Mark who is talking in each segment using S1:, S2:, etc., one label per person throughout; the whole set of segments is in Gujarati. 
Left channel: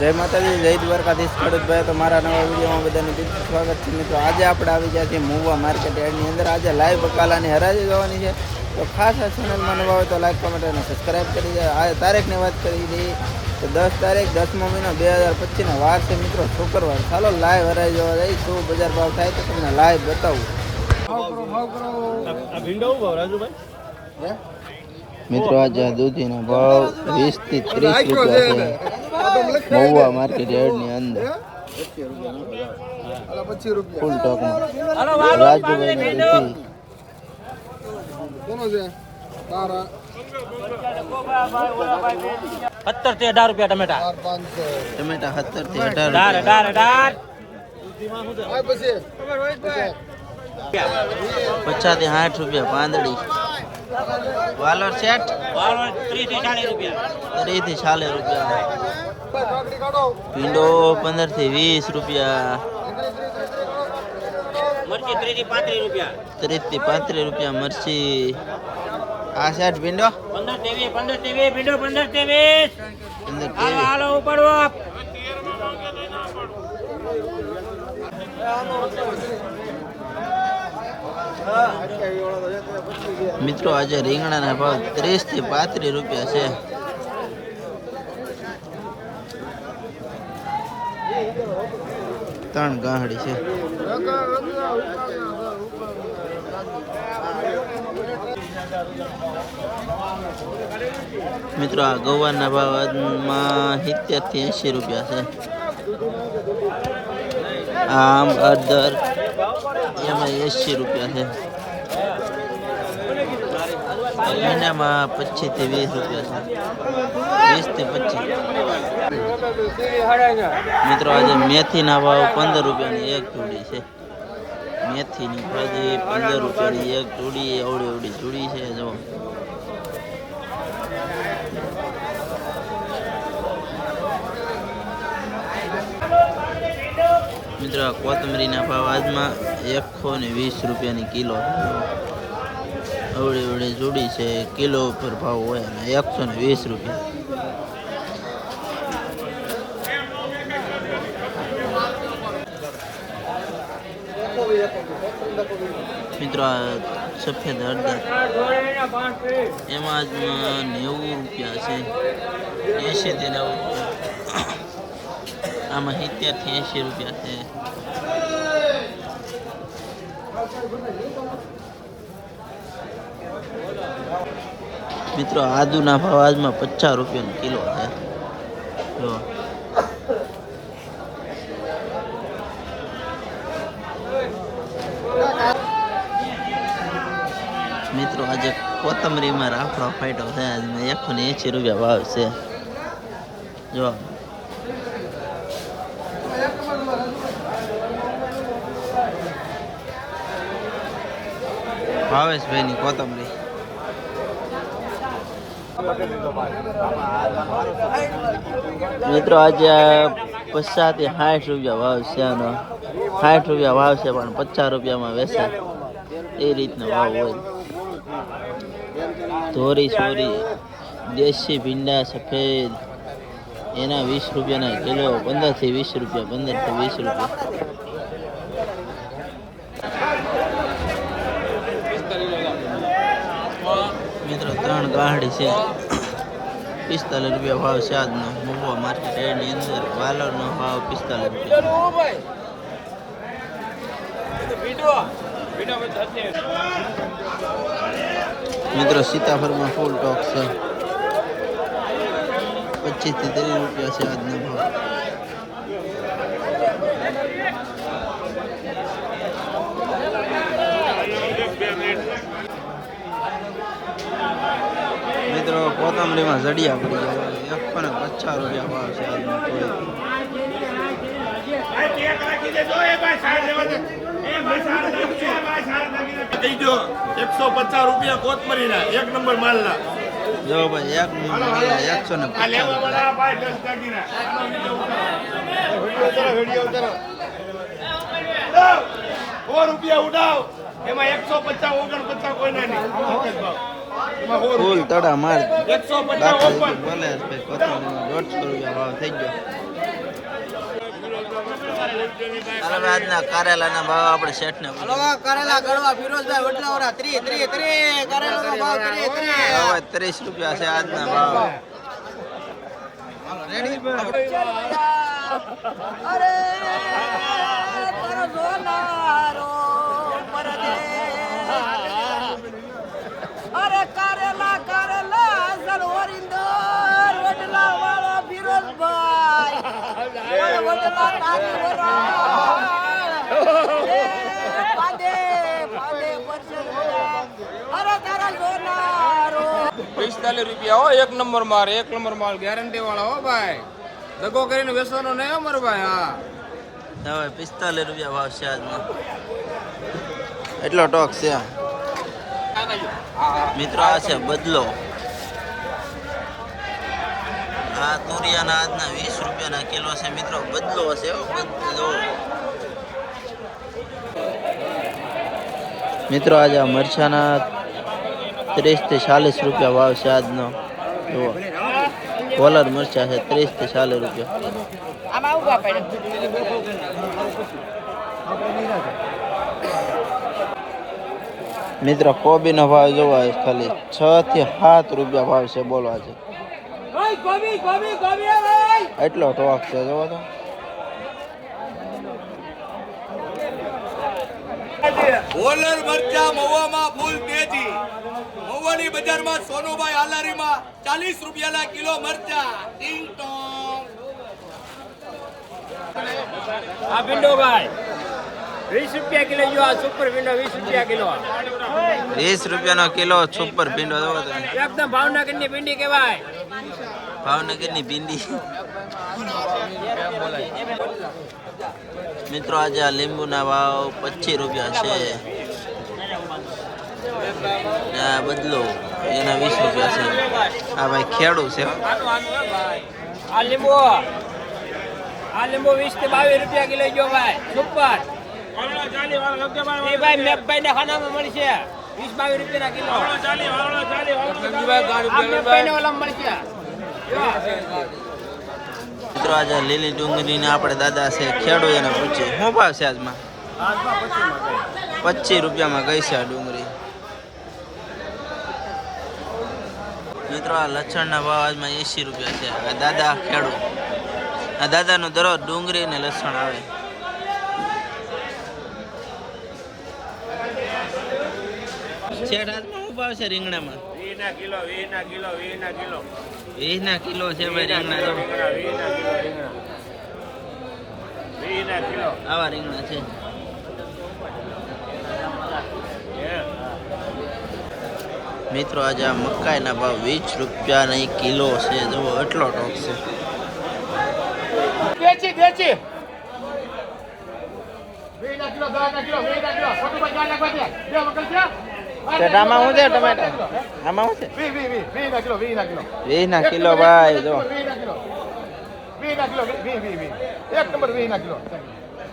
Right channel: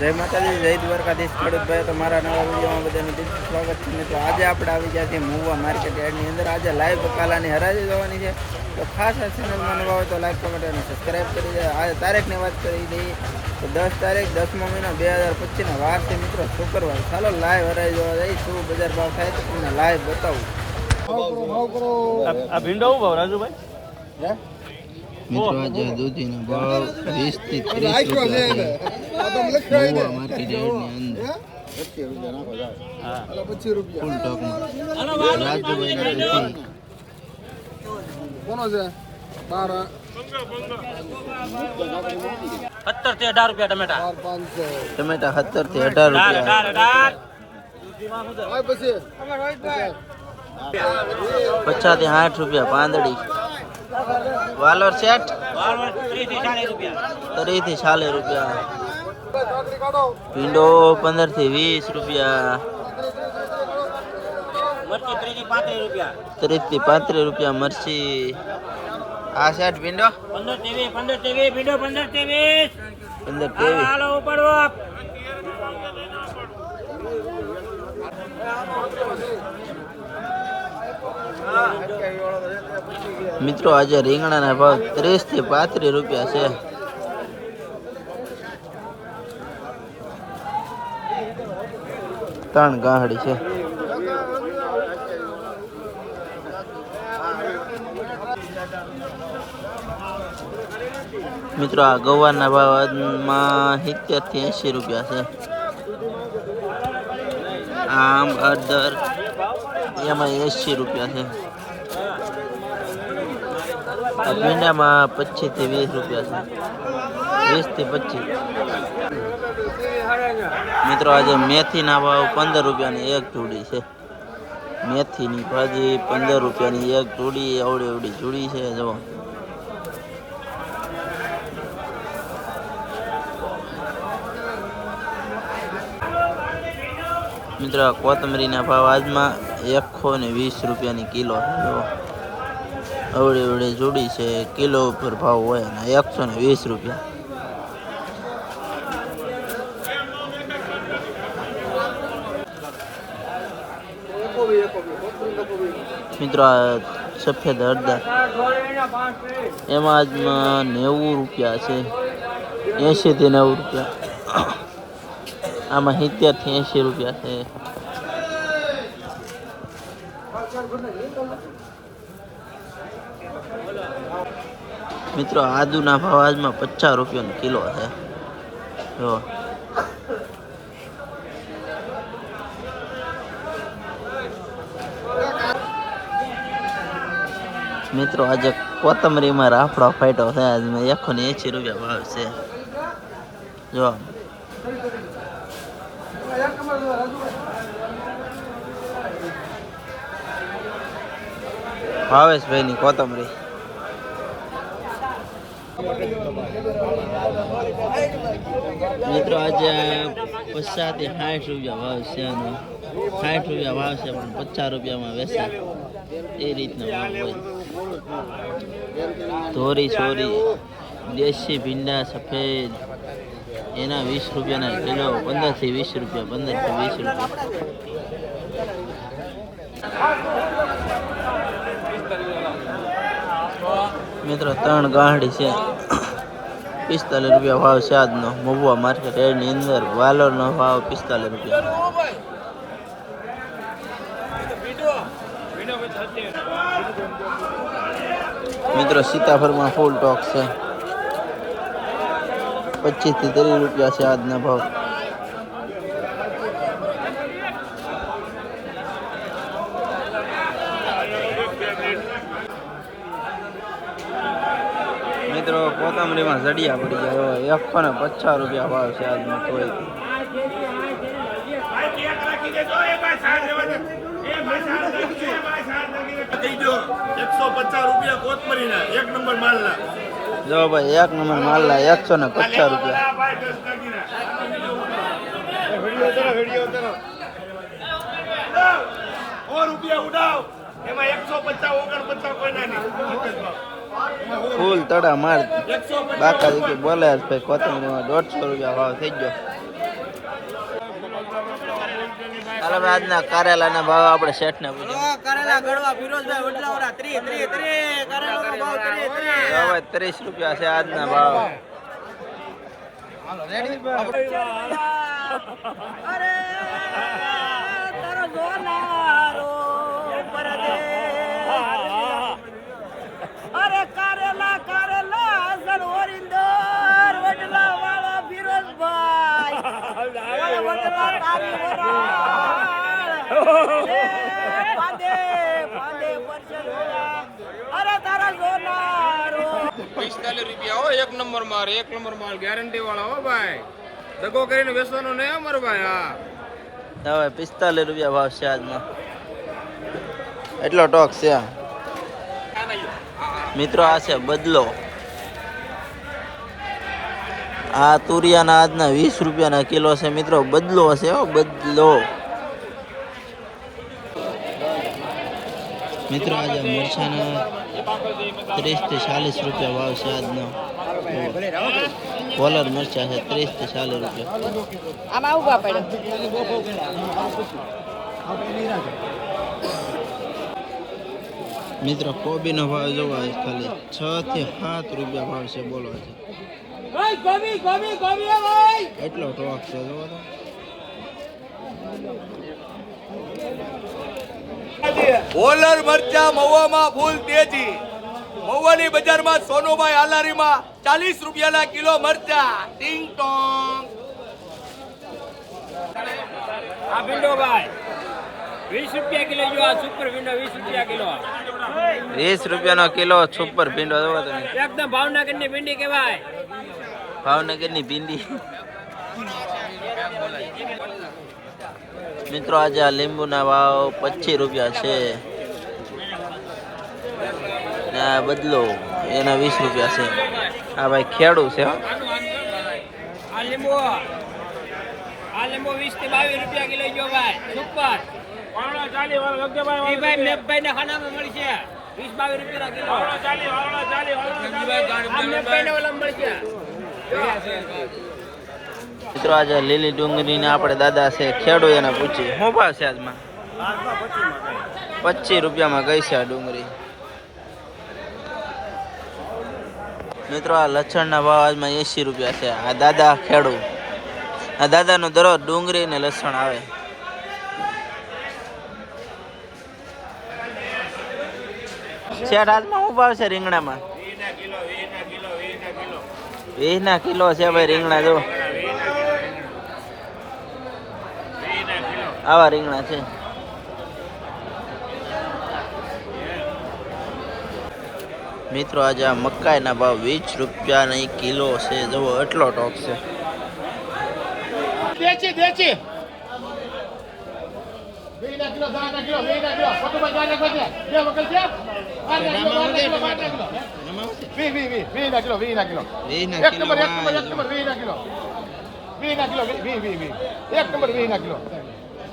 S1: જય માતાજી જય દ્વારકાધીશ ખેડૂત ભાઈ તો મારા નવા વિડીયોમાં બધાને દિલથી સ્વાગત છે. મિત્રો આજે આપણે આવી ગયા છીએ મુવા માર્કેટ યાર્ડની અંદર. આજે લાઈવ બકાલાની હરાજી જવાની છે. તો ખાસ આ ચેનલમાં નવા હોય તો લાઈક કમેન્ટ અને સબસ્ક્રાઈબ કરી દે. આ તારીખની વાત કરી દઈએ તો દસ તારીખ દસમો મહિનો બે હજાર પચીસના વાર છે. મિત્રો શુક્રવાર. ચાલો લાઈવ હરાજી જવા જઈ શું બજાર ભાવ થાય તો તમને લાઈવ બતાવું. મિત્રો આજે દૂધીનો ભાવ વીસથી ત્રીસ રૂપિયા છે. મહુવા માર્કેટ યાર્ડની અંદર. ફૂલ ટોકમાં રાજુભાઈ દૂધી
S2: સત્તરથી અઢાર રૂપિયા ટમેટા.
S1: ટમેટા સત્તરથી અઢાર. રૂપિયા પચાસથી સાઠ રૂપિયા પાંદડી. વાલર સેટ
S2: ત્રીસથી ચાલીસ રૂપિયા.
S1: ભીંડો પંદરથી વીસ રૂપિયા.
S2: ત્રીસથી પાંત્રીસ રૂપિયા.
S1: મરસી આ સેટ ભીંડો
S2: પંદર ત્રેવીસ પંદર ત્રેવીસ ભીંડો પંદર ત્રેવીસ
S1: પંદર ત્રેવીસ
S2: હાલો ઉપાડવો
S1: મિત્રો આજે રીંગણાના ભાવ ત્રીસથી પાંત્રીસ રૂપિયા છે. ત્રણ ગાહડી છે. મિત્રો, આ ગવાના ભાવમાં સિત્તેરથી એંશી રૂપિયા છે. આમ અદર એમાં એંશી રૂપિયા છે. ભીંડામાં પચીસથી વીસ રૂપિયા છે. વીસથી પચીસ. મિત્રો, આજે મેથીના ભાવ પંદર રૂપિયાની એક જોડી છે. મેથીની ભાજી પંદર રૂપિયાની એક જોડી અવડી અવડી જોડી છે, જો. મિત્રો કોથમરીના ભાવ આજમાં એકસો ને વીસ રૂપિયાની કિલો છે, જો. અવળી અવળી જોડી છે, કિલો ઉપર ભાવ હોય અને એકસો ને વીસ રૂપિયા. મિત્રો, આ સફેદ હળદર. એમાં આજમાં નેવું રૂપિયા છે. એંશીથી નેવું રૂપિયા. આમાં સિત્તેરથી એંશી રૂપિયા છે. મિત્રો, આદુના ભાવ આજમાં પચાસ રૂપિયાનો કિલો છે. જો. મિત્રો, આજે કોથમરીમાં રાફડો ફાટ્યો છે. આજમાં એકસો ને એંસી રૂપિયા ભાવ છે. જો. ભાવેશભાઈની કોથમરી. મિત્રો, આજે પચાસથી સાઠ રૂપિયા ભાવ છે આનો. સાઠ રૂપિયા ભાવ છે, પણ પચાસ રૂપિયામાં વેચાય. એ રીતનો ભાવ હોય. ધોરી સોરી. દેશી ભીંડા સફેદ. એના વીસ રૂપિયાના કિલો પંદરથી વીસ રૂપિયા પંદરથી વીસ રૂપિયા. મિત્રો, ત્રણ ગાંહડી છે. પિસ્તાલીસ રૂપિયા ભાવ આજનો. મહુવા માર્કેટ એની અંદર વાલોરનો ભાવ પિસ્તાલીસ રૂપિયા. મિત્રો સીતાફળમાં ફૂલ ટોક છે પચીસથી ત્રીસ રૂપિયા છે આજના ભાવ મિત્રો કોથમરીમાં જડિયા પડી ગયા એકસો ને પચાસ રૂપિયા ભાવ છે આજનો કોઈ
S3: કહી દો એકસો પચાસ રૂપિયા
S1: જો ભાઈ, એક નંબર માલના એકસો ને પચાસ રૂપિયા. ફૂલ તડા માર. બાકા બોલે ભાઈ કોથમરીમાં દોઢસો રૂપિયા ભાવ થઈ ગયો. હાલો હવે આજના કારેલાના ભાવ આપણે શેઠને પૂછીએ.
S4: કરેલા ગળવા ફિરોજભાઈ વડલાવરા ત્રી ત્રી ત્રી કરેલાનો ભાવ ત્રી ત્રી.
S1: હવે ત્રીસ રૂપિયા છે આજના ભાવ.
S4: અરે તારો સોનારો
S5: પિસ્તાલીસ રૂપિયા હો એક નંબર માલ એક નંબર માલ ગેરંટી વાળા હો ભાઈ. દગો કરીને વેચવાનો નહીં અમારે ભાઈ હા.
S1: હવે પિસ્તાલીસ રૂપિયા ભાવ છે આજમાં એટલો ટોક છે. મિત્રો આ છે બદલો. આ તુરિયાના આજના વીસ રૂપિયાના કિલો છે મિત્રો. બદલો છે હો, બદલો. મિત્રો, આજે આ મરચાના ત્રીસથી ચાલીસ રૂપિયા ભાવ છે આજનો. જુઓ. કોલર મરચા છે ત્રીસથી ચાલીસ રૂપિયા. મિત્રો, કોબીનો ભાવ જોવા ખાલી. છ થી સાત રૂપિયા ભાવ છે બોલો આજે. એટલો ટોક છે જોવો તો.
S5: હોલર મરચા મહુવામાં ફૂલ તેજી. મહુવાની બજારમાં સોનુભાઈ હાલારીમાં ચાલીસ રૂપિયાના કિલો મરચા. ટીંગ ટોંગ.
S2: આ ભીંડો ભાઈ વીસ રૂપિયા કિલો જો આ સુપર ભીંડો વીસ રૂપિયા કિલો
S1: વીસ રૂપિયાનો કિલો સુપર ભીંડો જોવો તમે.
S2: એકદમ ભાવનગરની ભીંડી કહેવાય.
S1: ભાવનગરની ભીંડી. મિત્રો આજે આ લીંબુના ભાવ પચીસ રૂપિયા છે. ને આ બદલો એના વીસ રૂપિયા છે. આ ભાઈ ખેડૂ છે હો.
S2: આ લીંબુ આ લીંબુ વીસથી બાવીસ રૂપિયા કિલો જો ભાઈ. સુપર. ભાઈ મેઘભાઈ ના ખાનામાં મળશે. વીસ બાવીસ રૂપિયા કિલો. મળશે.
S1: મિત્રો, આજે લીલી ડુંગળીને આપણે દાદા છે ખેડૂ એને પૂછીએ શું ભાવ છે આજમાં? પચીસ રૂપિયામાં ગઈ છે આ ડુંગળી. મિત્રો, આ લસણના ભાવ આજમાં એંશી રૂપિયા છે. આ દાદા ખેડૂ આ દાદાનો દરરોજ ડુંગળી ને લસણ આવે. શેઠ, આજમાં શું ભાવ છે રીંગણામાં? વીસ ના કિલો છે ભાઈ રીંગણા જો આવા રીંગણા છે. મિત્રો, આજે આ મકાઈના ભાવ વીસ રૂપિયાની કિલો છે. જુઓ, એટલો ટોક છે.
S3: બેચી દેચી વીના કિલો દસ કિલો વીના કિલો સતુભાઈ જાને બધે બે વખત છે
S1: શેઠ, આમાં શું છે. ટમેટા આમાં શું છે વીસ ના કિલો ભાઈ જો.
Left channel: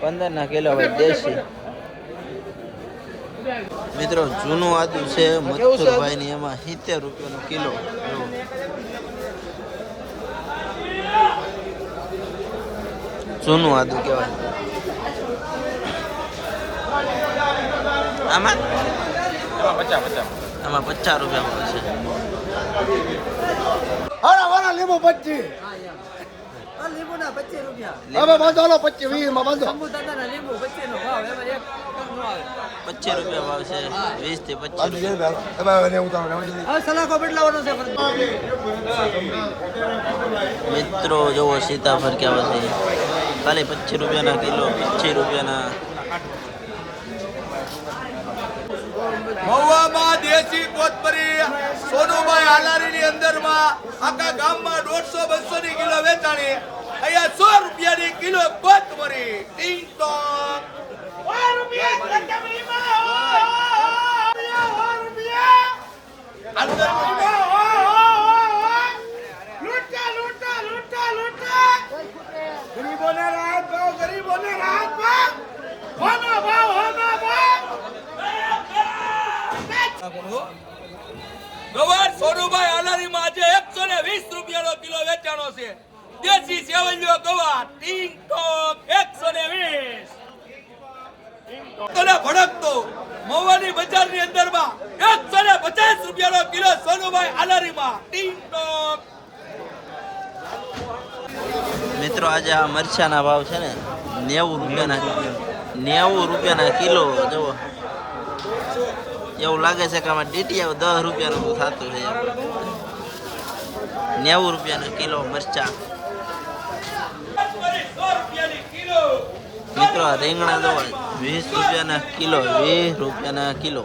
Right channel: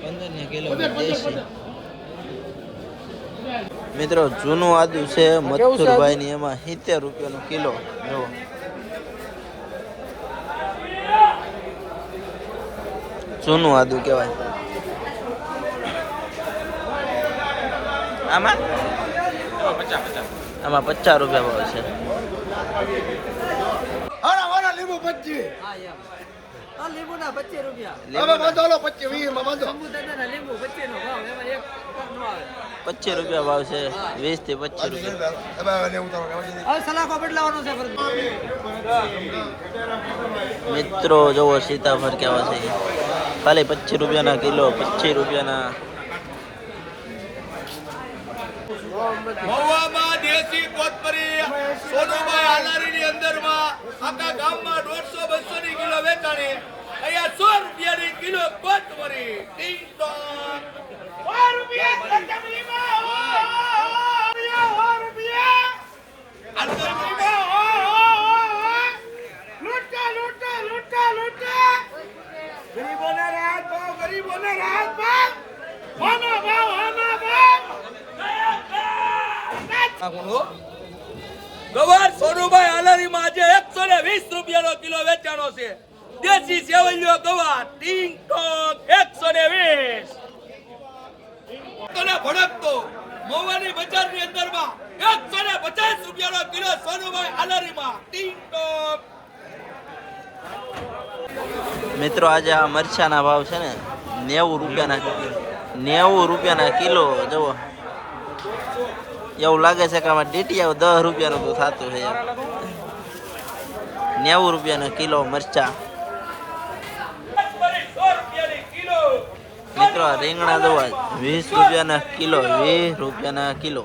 S1: પંદર ના કિલો ભાઈ દેશી મિત્રો જૂનું આદુ છે મથુરભાઈ ની એમાં સિત્તેર રૂપિયાનો કિલો જો જૂનું આદુ કહેવાય. આમાં? આમાં પચાસ રૂપિયા ભાવ છે.
S3: લીંબુ પચી
S4: પચીસ રૂપિયા. ભાવ
S1: પચીસ રૂપિયા છે. વીસથી પચીસ રૂપિયા.
S4: સલાખો બદલાવાનો છે
S1: મિત્રો જોવો સીતાફળ કેવા છે. ખાલી પચીસ રૂપિયાના કિલો પચીસ રૂપિયાના
S5: મહુવામાં દેશી કોથમરી, સોનુભાઈ હાલારીની અંદરમાં આખા ગામમાં દોઢસો બસો ની કિલો વેચાણી. અહીંયા સો રૂપિયાની કિલો કોથમરી. ટીંગ ટોંગ ગરીબોને રાહત ભાવ ગરીબોને રાહત ભાવ ભાવ ભાવ. ગવાર સોનુભાઈ અલારીમાં આજે એકસો ને વીસ રૂપિયાનો કિલો વેચાણો છે. દેશી સેવલિયો ગવાર ટીંકોક એકસો ને વીસ. ભડકતો મોવાની બજારની અંદરમાં એકસો ને પચાસ રૂપિયાનો કિલો સોનુભાઈ અલારીમાં ટીંકોક
S1: મિત્રો, આજે આ મરચાના ભાવ છે ને નેવું રૂપિયા રૂપિયાના નેવું રૂપિયા ના કિલો જવો એવું લાગે છે કે આમાં ડીટીયા દસ રૂપિયાનું તો થતું છે યાર નેવું રૂપિયાનો કિલો મરચા. મિત્રો રીંગણા દવા વીસ રૂપિયાના કિલો, વીસ રૂપિયાના કિલો.